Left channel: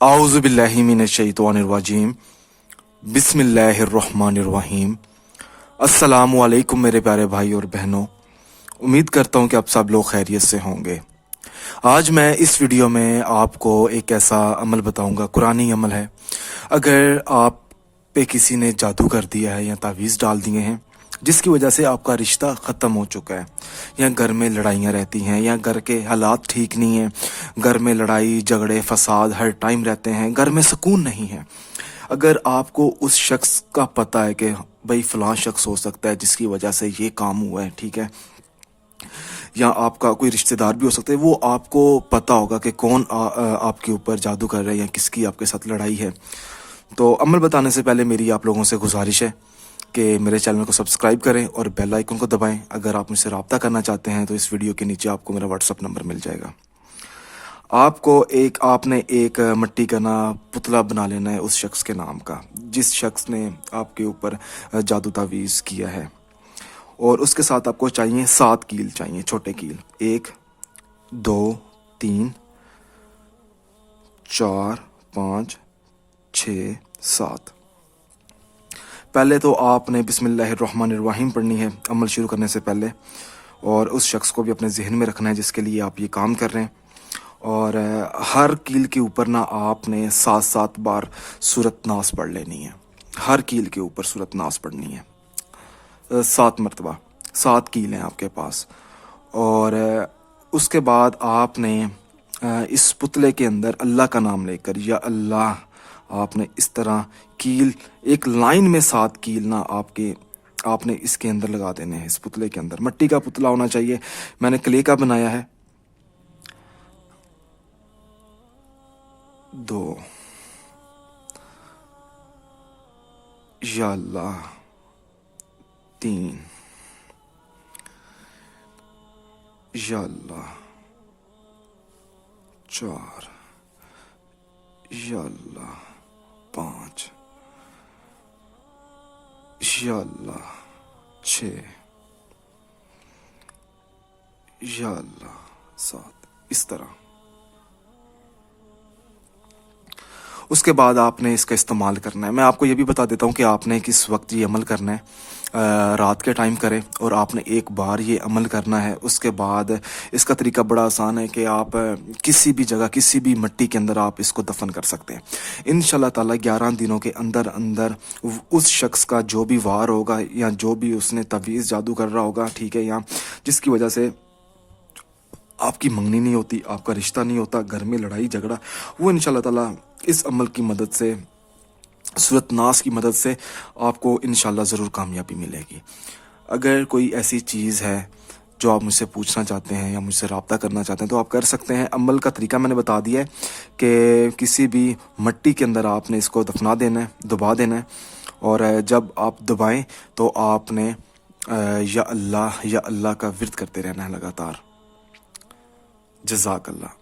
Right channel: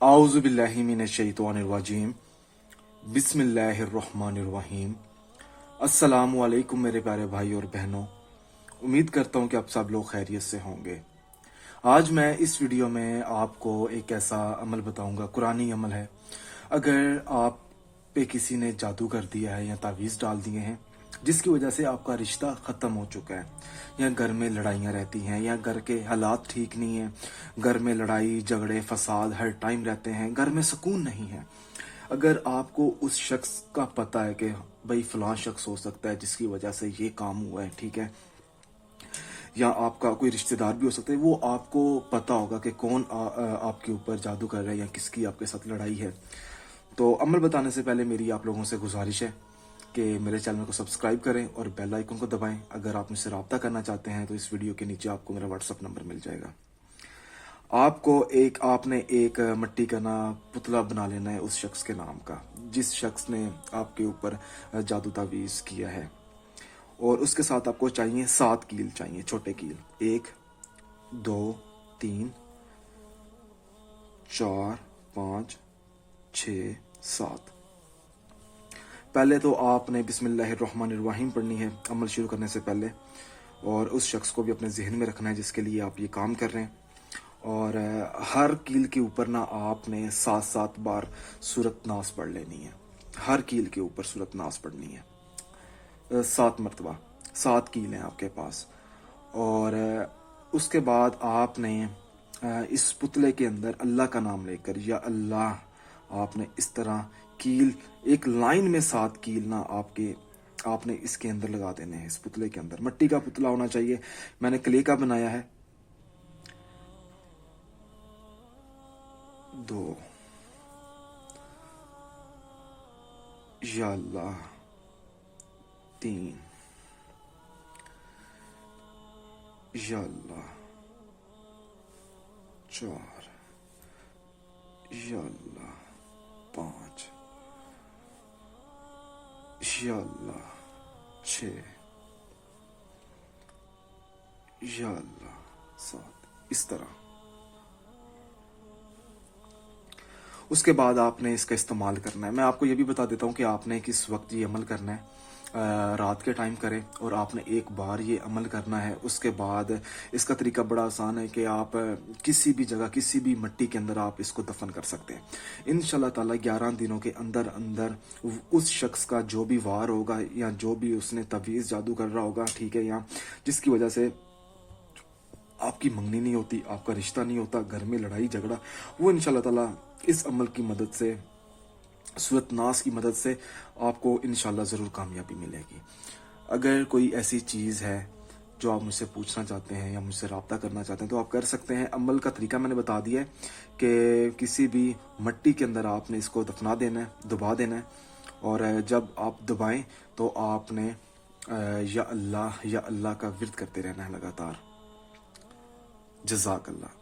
आऊज़ु बिल्लाहि मिनश्शैतानिर्रजीम बिस्मिल्लाहिर्रहमानिर्रहीम। अस्सलामु अलैकुम मेरे प्यारे भाई और बहनों, उम्मीद करता हूँ कि आप सब लोग खैरियत से होंगे। आज मैं इस वीडियो में आपको एक ऐसा अमल बताऊंगा, कुरानी अमल है। अगर आप पे किसी ने जादू कर दिया है या तावीज़ डाल दिए हैं जिसकी वजह से आपका रिश्ता ख़त्म हो चुका है, या घर में लड़ाइयाँ रहती हैं, या घर के हालात ठीक नहीं हैं, घर में लड़ाई झगड़े फसाद हर टाइम रहते हैं, घर में सुकून नहीं है। अगर आपको उस शख्स का पता है कि भाई फ़लाँ शख्स हो सकता है जिसकी वजह से ये काम हुआ है, ठीक है, या आपका कोई रिश्तेदार भी हो सकता है, वो आपको पता होगा कि कौन आपके ऊपर जादू कर रहा है या किसकी आपके साथ लड़ाई है, तो अमल बताने से पहले मेरी आप लोगों से गुजारिश है कि मेरे चैनल को सब्सक्राइब करें और बेल आइकन को दबाएं। अगर आप मुझसे रब्ता करना चाहते हैं तो इस वीडियो के नीचे आपको मेरा व्हाट्सअप नंबर मिल जाएगा। आपने एक मिट्टी का ना पुतला बना लेना है उस शख्स के नाम का जिस शख्स ने आपके ऊपर जादू तावीज़ किया है, और उसके साथ आपको चाहिए 7 कील चाहिए, छोटे कील। 1 2 3 4 5 6 7। पहले तो आपने बिस्मिल्लाहिर्रहमानिर्रहीम पढ़नी है अमल शुरू करने से पहले, और उस शख्स को भी अपने जहन में रखना है जिसके लिए आप ये काम कर रहे हैं। और हर कील के ऊपर ना आपने 7 बार सूरत नास पढ़ लेनी है। हर कील के ऊपर सूरत नास पढ़नी है 7 मरतबा। 7 कील हैं आपके पास। और उसके बाद आपने इस पुतले के अंदर अल्लाह का नाम लेकर, या अल्लाह, आपने इस तरह कील एक लाइन में 7 कील ना आपने इसके अंदर लगा देने हैं। इस पुतले के अंदर मिट्टी का पुतला होना चाहिए, मैंने क्ले का बनाया है। 2 या अल्लाह, 3 या अल्लाह, 4 या अल्लाह, 5 या अल्लाह, 6 या अल्लाह, 7। इस तरह उसके बाद आपने इसका इस्तेमाल करना है। मैं आपको ये भी बता देता हूँ कि आपने किस वक्त ये अमल करना है। रात के टाइम करें, और आपने एक बार ये अमल करना है। उसके बाद इसका तरीका बड़ा आसान है कि आप किसी भी जगह किसी भी मिट्टी के अंदर आप इसको दफन कर सकते हैं। इंशाल्लाह ताला 11 दिनों के अंदर अंदर उस शख्स का जो भी वार होगा, या जो भी उसने तवीज़ जादू कर रहा होगा, ठीक है, या जिसकी वजह से आपकी मंगनी नहीं होती, आपका रिश्ता नहीं होता, घर में लड़ाई झगड़ा, वो इंशाल्लाह ताला इस अमल की मदद से, सूरत नास की मदद से आपको इंशाल्लाह ज़रूर कामयाबी मिलेगी। अगर कोई ऐसी चीज़ है जो आप मुझसे पूछना चाहते हैं या मुझसे रब्ता करना चाहते हैं तो आप कर सकते हैं। अमल का तरीका मैंने बता दिया है कि किसी भी मिट्टी के अंदर आपने इसको दफना देना है, दबा देना है, और जब आप दबाएं तो आपने या अल्लाह का विर्द करते रहना है लगातार। जज़ाक अल्लाह।